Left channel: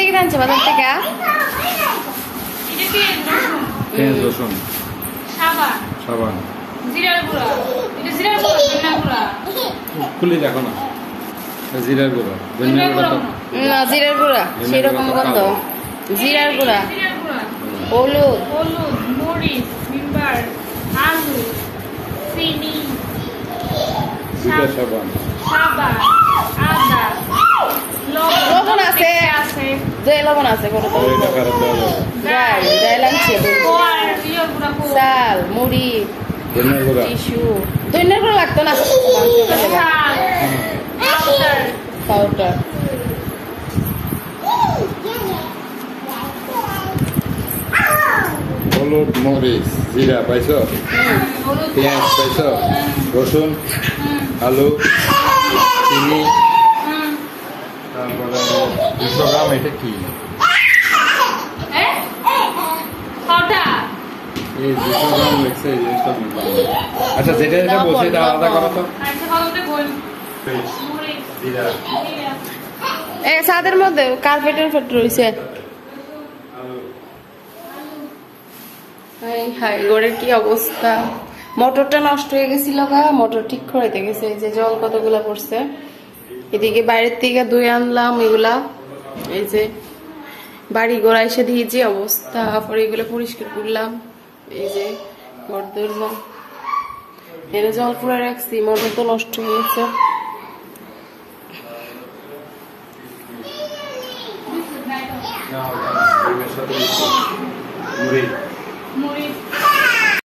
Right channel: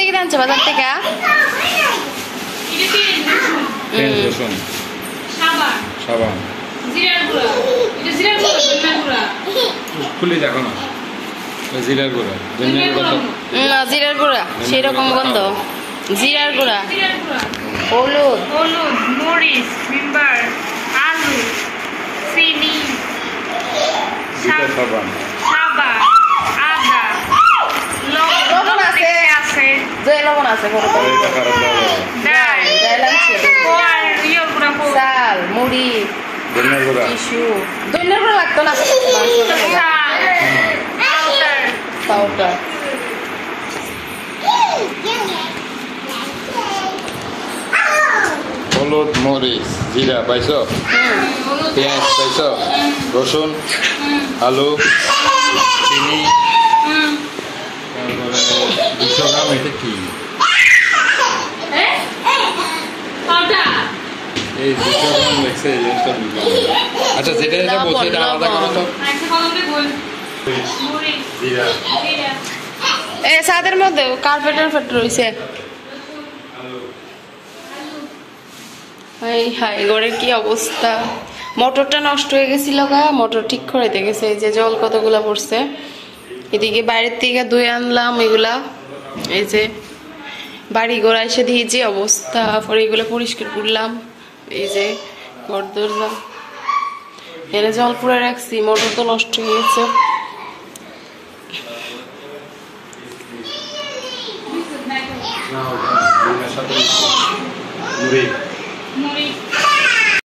এটা কি আনছো বাজার থেকে? রসুন, সাবান, জিরার গুঁড়া, এটা জিরার গুঁড়া, ধনিয়া গুঁড়া। খুলে দেখো না, জিরার গুঁড়া, ধনিয়া গুঁড়া না, জিরার গুঁড়া সেই রকম গন্ধ। জিরার গুঁড়া, হলুদ, মরিচ, ভিমবার, আলু, চিনি, সাবান, আদা, লবণ আছে, যে লবণ আছে চাল, মুড়ি, টিস্যু। ধনিয়ার গুঁড়া লাগতো না, পাউডার। হলুদ, মরিচ, জিরা পাইছো, পেঁয়াজ পাইছো, রসুন, আলু, চিনি, তারপরে 200 গ্রাম এটা কি এই 200 গ্রাম লেগছে, এই জিনিসটা বুঝলাম। আচ্ছা, যেটা যেটা বলছে এটা আলাদা করো তো। জিরা, ছাদের মধ্যে কার্পেটের ফেট রয়েছে। হাই ঘরের কি অবস্থা! মোটরটা নষ্ট হয়ে গেছিল, মোটর ঠিক করে গেছে। এই যে জল কতগুলা পড়ছে। এদিকে বাইরের থেকে ধুয়ে আনলাম এগুলা। এই যে বাড়ি ঘোড়া এসে দিয়ে যে অবস্থা, পরে এগুলো পরিষ্কার করলাম। এই যে ঘর দরজা এনে জল পুরে রাখছি, মোটর তো নষ্ট হয়ে গেছে। মুড়ি